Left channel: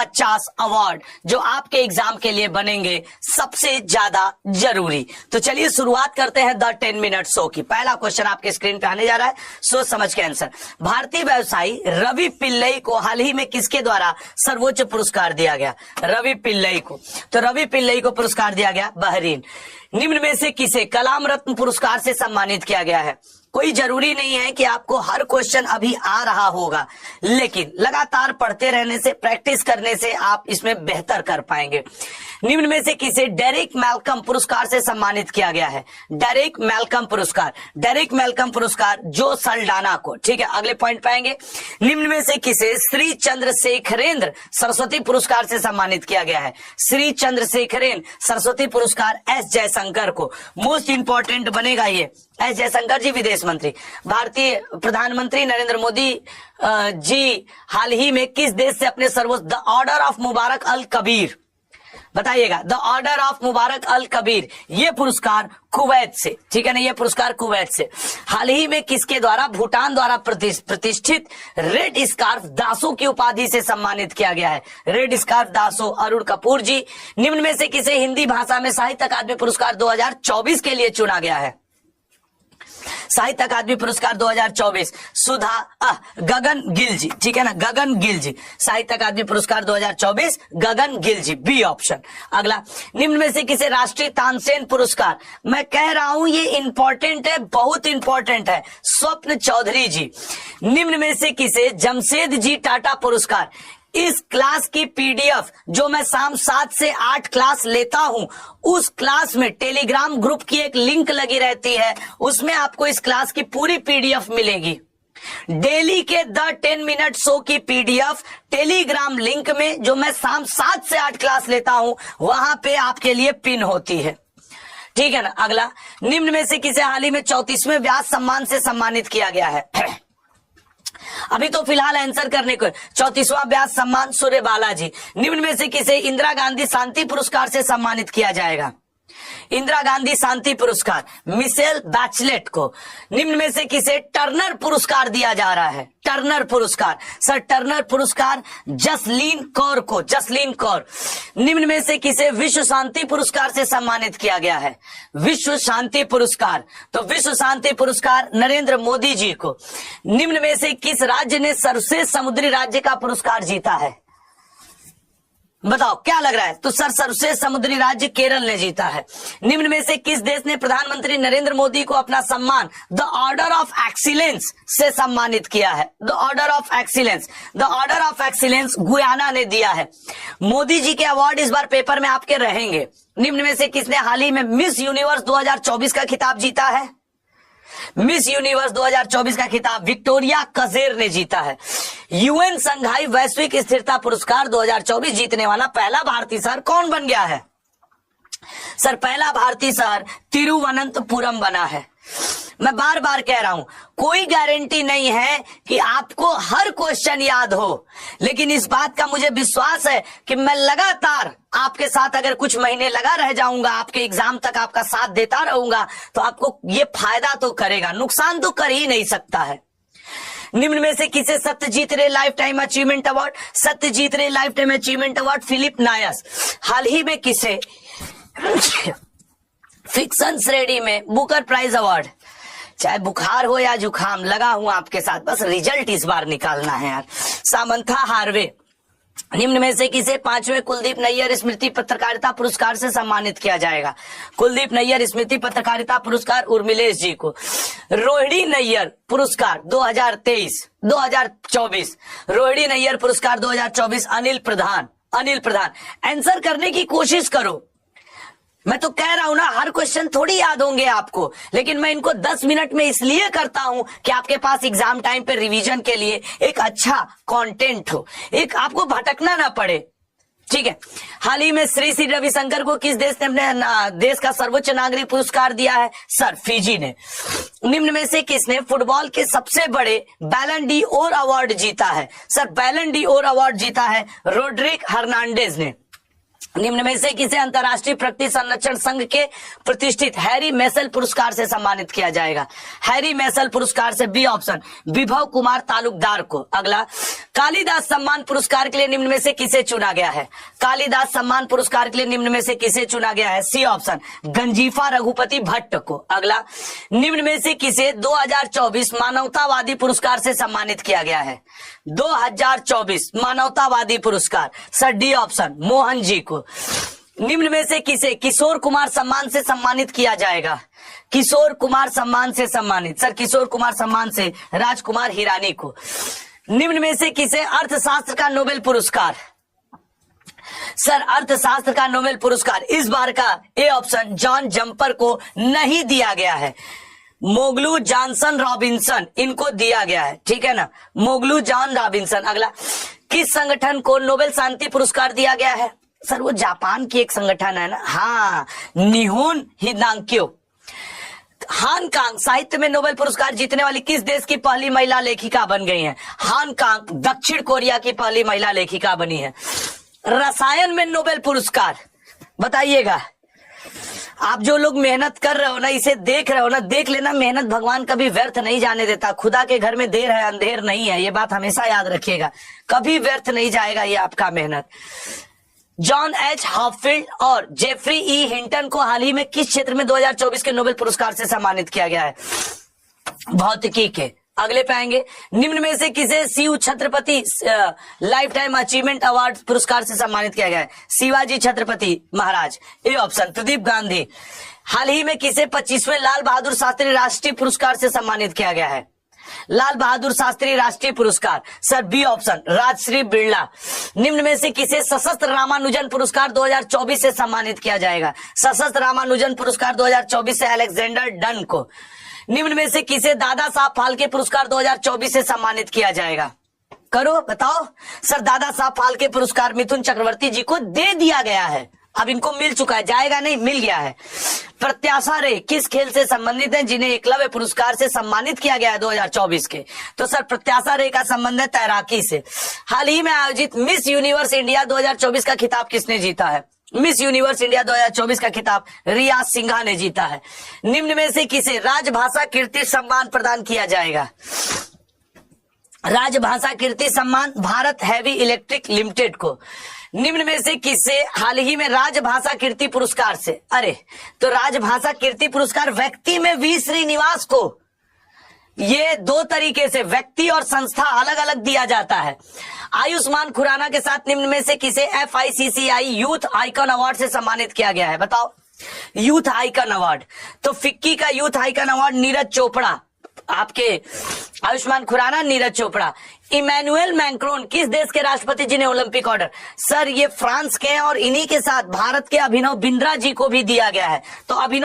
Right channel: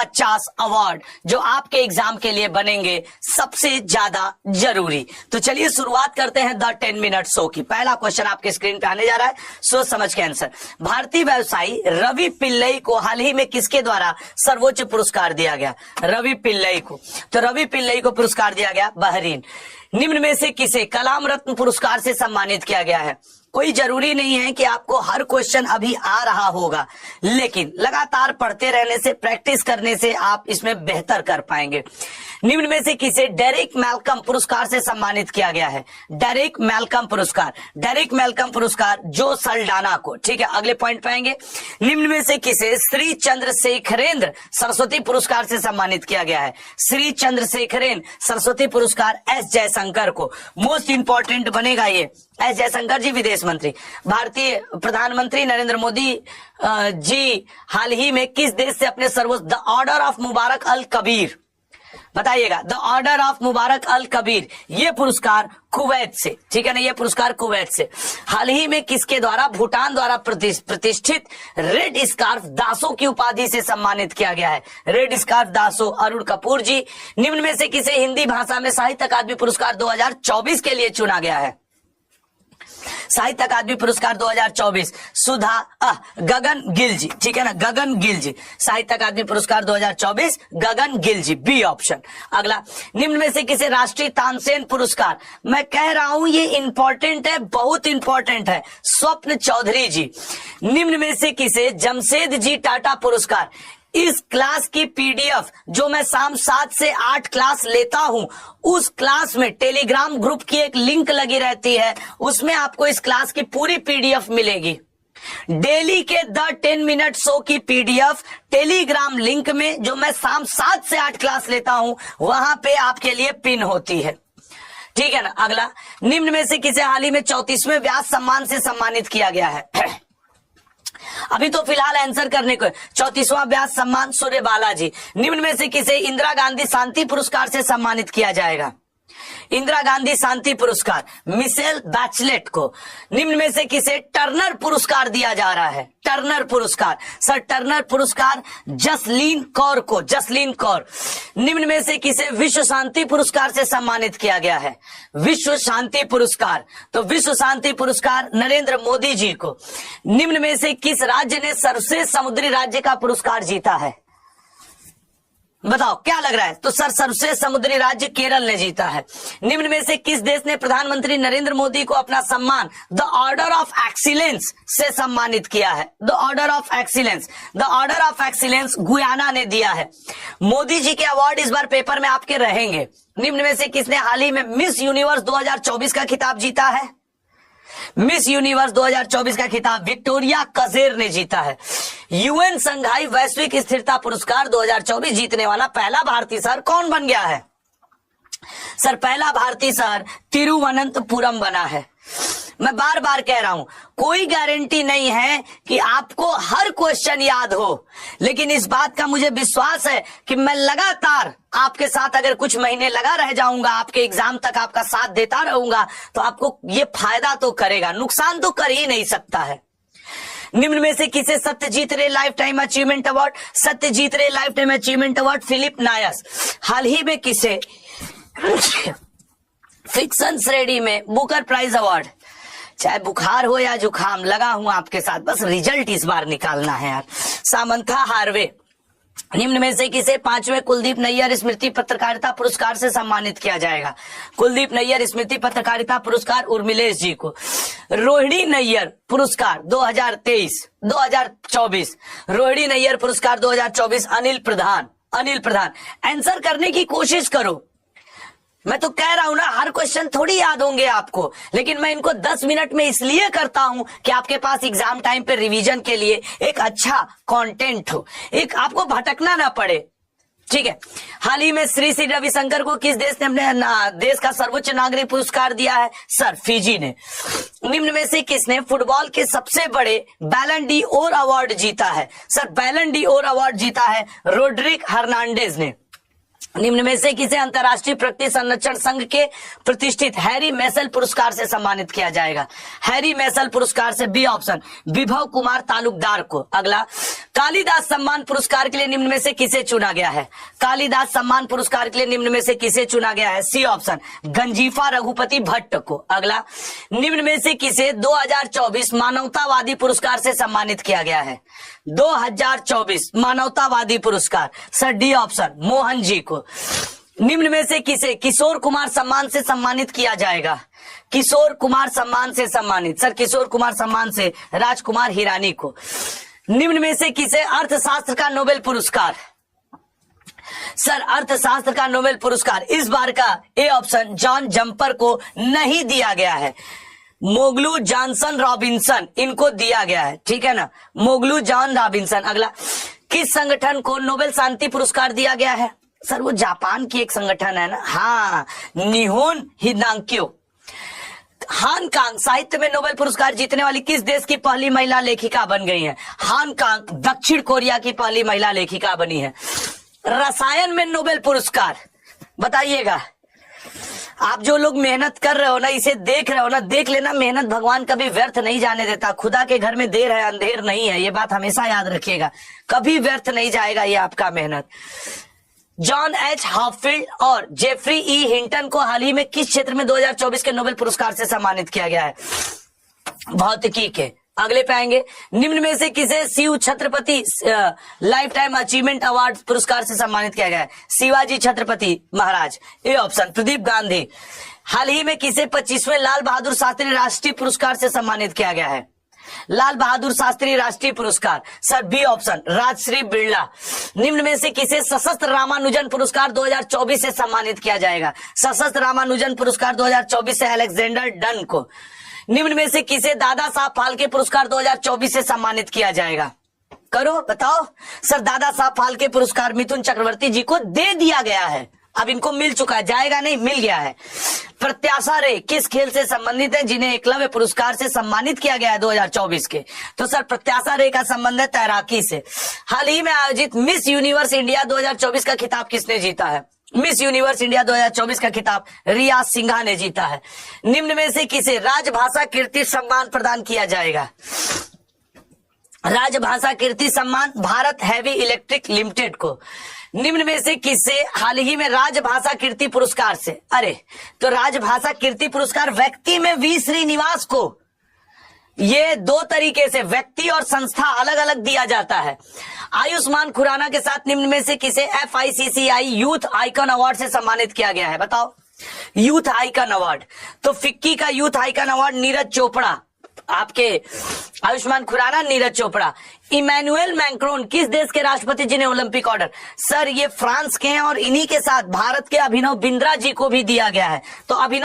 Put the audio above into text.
50 award जो आपके exam के लिए बनेंगे सबसे ज्यादा जरूरी। तो चलिए शुरुआत करते हैं द 10 मिनट शो की। पहला क्वेश्चन आपके स्क्रीन पे आने जा रहा है, सोच समझ के आंसर। भारतीय व्यवसायी रवि पिल्लई को हाल ही में किसके द्वारा सर्वोच्च पुरस्कार दिया गया? रवि पिल्लई को, तो रवि पिल्लई को पुरस्कार दिया गया बहरीन। निम्न में से किसे कलाम रत्न पुरस्कार से सम्मानित किया गया है? कोई जरूरी नहीं है कि आपको हर क्वेश्चन अभी आ रहा होगा, लेकिन लगातार पढ़ते रहने से, प्रैक्टिस करने से आप इसमें बेहतर कर पाएंगे। निम्न में से किसे डेरेक मैल्कम पुरस्कार से सम्मानित किया गया है? डेरेक मैल्कम पुरस्कार, डेरेक मैल्कम पुरस्कार जो सल्डाना को, ठीक है, अगले पॉइंट पे आएंगे। निम्न में से किसे श्री चंद्रशेखरेंद्र सरस्वती पुरस्कार से सम्मानित किया गया है? श्री चंद्रशेखरेंद्र सरस्वती पुरस्कार एस जयशंकर को। मोस्ट इंपॉर्टेंट बनेगा ये, एस जयशंकर जी विदेश मंत्री। भारतीय प्रधानमंत्री नरेंद्र मोदी जी हाल ही में किस देश से अपने सर्वोच्च द ऑर्डर ऑफ मुबारक अल कबीर, बताइएगा, द ऑर्डर ऑफ मुबारक अल कबीर, ये पुरस्कार कुवैत से, ठीक है ना, ये पुरस्कार कुवैत से। हाल ही में किसके द्वारा भूटान द्वारा प्रतिष्ठित रेड स्कार्फ दासो की उपाधि से सम्मानित किया गया है? रेड स्कार्फ दासो अरुण कपूर जी। निम्न में से किसे हिंदी भाषा में साहित्य अकादमी पुरस्कार 2024 के लिए चुना गया है? साहित्य अकादमी पुरस्कार 2024 सुधा गगन गिल जी, ठीक है ना, गगन गिल जी, साहित्य अकादमी पुरस्कार 2024 गगन गिल जी, बी ऑप्शन। अगला, निम्न में से किसे राष्ट्रीय तानसेन पुरस्कार, मैं कह रहा हूं ये इंपॉर्टेंट है, बहुत इंपॉर्टेंट है, स्वप्न चौधरी जी। निम्न में से किसे जमशेद जी टाटा पुरस्कार, इस क्लास की पीडीएफ जो मैं शाम 7 से 8 क्लास लेता हूं, उस क्लास में टेलीग्राम ग्रुप की एक लिंक लगी रहती है, उसमें आपको इस क्लास की पूरी पीडीएफ मिलेगी। डेली के द 10 मिनट शो की पीडीएफ टेलीग्राम लिंक में जो मैं शाम 7 से 8 क्लास लेता हूं, वहां पे आपके लिए पिन होती है, ठीक है ना। अगला, निम्न में से किसे हाल ही में 34वें व्यास सम्मान से सम्मानित किया गया है? अभी तो फिलहाल आंसर करने को 34वां व्यास सम्मान सूर्य बालाजी। निम्न में से किसे इंदिरा गांधी शांति पुरस्कार से सम्मानित किया जाएगा? इंदिरा गांधी शांति पुरस्कार मिशेल बैचलेट को। निम्न में से किसे टर्नर पुरस्कार दिया जा रहा है? टर्नर पुरस्कार, सर टर्नर पुरस्कार जसलीन कौर को, जसलीन कौर। निम्न में से किसे विश्व शांति पुरस्कार से सम्मानित किया गया है? विश्व शांति पुरस्कार, तो विश्व शांति पुरस्कार नरेंद्र मोदी जी को। निम्न में से किस राज्य ने सर्वश्रेष्ठ समुद्री राज्य का पुरस्कार जीता है? बताओ क्या लग रहा है? तो सर सर्वश्रेष्ठ समुद्री राज्य केरल ने जीता है। निम्न में से किस देश ने प्रधानमंत्री नरेंद्र मोदी को अपना सम्मान द ऑर्डर ऑफ एक्सीलेंस से सम्मानित किया है? The order of excellence, the order of excellence Guyana ने दिया है। मोदी जी के अवार्ड इस बार पेपर में आपके रहेंगे। निम्न में से किसने हाल ही में मिस यूनिवर्स 2024 का खिताब जीता है? मिस यूनिवर्स 2024 का खिताब विक्टोरिया कजेर ने जीता है। यूएन संघाई वैश्विक स्थिरता पुरस्कार 2024 जीतने वाला पहला भारतीय शहर कौन बन गया है? सर पहला भारतीय शहर तिरुवनंतपुरम बना है। मैं बार बार कह रहा हूं, कोई गारंटी नहीं है कि आपको हर क्वेश्चन याद हो, लेकिन इस बात का मुझे विश्वास है कि मैं लगातार आपके साथ अगर कुछ महीने लगा रह जाऊंगा, आपके एग्जाम तक आपका साथ देता रहूंगा, तो आपको ये फायदा तो करेगा, नुकसान तो कर ही नहीं सकता है। निम्न में से किसे Satyajit Ray lifetime achievement award, Satyajit Ray lifetime achievement award Philip Noyce. हाल ही में किसे फिक्शन श्रेणी में बुकर प्राइज अवार्ड, चाहे बुखार हो या जुखाम, लगा हूं आपके साथ, बस रिजल्ट इस बार निकालना है यार। Samantha Harvey. निम्न में से किसे 5वें कुलदीप नैयर स्मृति पत्रकारिता पुरस्कार से सम्मानित किया जाएगा? कुलदीप नैयर स्मृति पत्रकारिता पुरस्कार उर्मिलेश जी को। रोहिणी नैयर पुरस्कार 2024, रोहिणी नैयर पुरस्कार 2024 अनिल प्रधान, अनिल प्रधान। आंसर करने की कोशिश करो, मैं तो कह रहा हूं ना, हर क्वेश्चन थोड़ी याद होंगे आपको, लेकिन मैं इनको 10 मिनट में इसलिए करता हूं कि आपके पास एग्जाम टाइम पे रिवीजन के लिए एक अच्छा कंटेंट हो, एक आपको भटकना ना पड़े, ठीक है। हाल ही में श्री श्री रविशंकर को किस देश ने अपने देश का सर्वोच्च नागरिक पुरस्कार दिया है? सर फिजी ने। निम्न में से किसने फुटबॉल के सबसे बड़े बैलन डी ओर अवार्ड जीता है? सर बैलन डी ओर अवार्ड जीता है रोड्रिक हर्नांडेज ने। निम्न में से किसे अंतर्राष्ट्रीय प्रकृति संरक्षण संघ के प्रतिष्ठित हैरी मेसल पुरस्कार से सम्मानित किया जाएगा? हैरी मेसल पुरस्कार से बी ऑप्शन विभव कुमार तालुकदार को। अगला, कालिदास सम्मान पुरस्कार के लिए निम्न में से किसे चुना गया है? कालिदास सम्मान पुरस्कार के लिए निम्न में से किसे चुना गया है? सी ऑप्शन गंजीफा रघुपति भट्ट को। अगला, निम्न में से किसे 2024 मानवतावादी पुरस्कार से सम्मानित किया गया है? 2024 मानवतावादी पुरस्कार sir D option Mohan ji को। निम्न में से किसे किशोर कुमार सम्मान से सम्मानित किया जाएगा? किशोर कुमार सम्मान से सम्मानित सर किशोर कुमार सम्मान से राजकुमार हिरानी को। निम्न में से किसे अर्थशास्त्र का नोबेल पुरस्कार? सर अर्थशास्त्र का नोबेल पुरस्कार इस बार का ए ऑप्शन जॉन जम्पर को नहीं दिया गया है, मोगलू जॉनसन रॉबिन्सन इनको दिया गया है, ठीक है ना, मोगलू जॉन रॉबिन्सन। अगला, किस संगठन को नोबेल शांति पुरस्कार दिया गया है? सर वो जापान की एक संगठन है ना, हाँ, निहोन हिदांक्यो। हान कांग साहित्य में नोबेल पुरस्कार जीतने वाली किस देश की पहली महिला लेखिका बन गई है? हान कांग दक्षिण कोरिया की पहली महिला लेखिका बनी है। रसायन में नोबेल पुरस्कार बताइएगा। आप जो लोग मेहनत कर रहे हो ना, इसे देख रहे हो ना, देख लेना, मेहनत भगवान कभी व्यर्थ नहीं जाने देता। खुदा के घर में देर है अंधेर नहीं है, ये बात हमेशा याद रखिएगा, कभी व्यर्थ नहीं जाएगा ये आपका मेहनत। जॉन एच हॉफील्ड और जेफरी ई हिंटन को हाल ही में किस क्षेत्र में 2024 के नोबेल पुरस्कार से सम्मानित किया गया है? भौतिकी के। अगले पे आएंगे, निम्न में से किसे Shiv Chhatrapati lifetime achievement award पुरस्कार से सम्मानित किया गया है? शिवाजी छत्रपति महाराज। A option Pradeep Gandhi. हाल ही में किसे 25वें लाल बहादुर शास्त्री राष्ट्रीय पुरस्कार से सम्मानित किया गया है? लाल बहादुर शास्त्री राष्ट्रीय पुरस्कार sir B option Rajshree Birla. निम्न में से किसे सशस्त्र रामानुजन पुरस्कार 2024 से सम्मानित किया जाएगा? सशस्त्र रामानुजन पुरस्कार 2024 से अलेक्जेंडर डन को। निम्न में से किसे दादा साहब फाल्के पुरस्कार 2024 से सम्मानित किया जाएगा? करो बताओ। सर दादा साहब फाल्के पुरस्कार मिथुन चक्रवर्ती जी को दे दिया गया है, अब इनको मिल चुका है, जाएगा नहीं, मिल गया है। प्रत्याशा रे किस खेल से संबंधित है जिन्हें एकलव्य पुरस्कार से सम्मानित किया गया है 2024 के? तो सर प्रत्याशा रे का संबंध है तैराकी से। हाल ही में आयोजित मिस यूनिवर्स इंडिया 2024 का खिताब किसने जीता है? मिस यूनिवर्स इंडिया 2024 का खिताब रिया सिंघा ने जीता है। निम्न में से किसे राजभाषा कीर्ति सम्मान प्रदान किया जाएगा? राजभाषा कीर्ति सम्मान भारत हैवी इलेक्ट्रिक लिमिटेड को। निम्न में से किसे हाल ही में राजभाषा कीर्ति पुरस्कार से, अरे तो राजभाषा कीर्ति पुरस्कार व्यक्ति में वी श्रीनिवास को, ये दो तरीके से व्यक्ति और संस्था अलग अलग दिया जाता है। आयुष्मान खुराना के साथ निम्न में से किसे FICCI यूथ आइकन अवार्ड से सम्मानित किया गया है? बताओ। यूथ आइकन अवार्ड, तो फिक्की का youth icon award Neeraj Chopra, आपके आयुष्मान खुराना नीरज चोपड़ा। इमैनुअल मैक्रोन किस देश के राष्ट्रपति जिन्हें ओलंपिक ऑर्डर? सर ये फ्रांस के हैं और इन्हीं के साथ भारत के अभिनव बिंद्रा जी को भी दिया गया है। तो अभिनव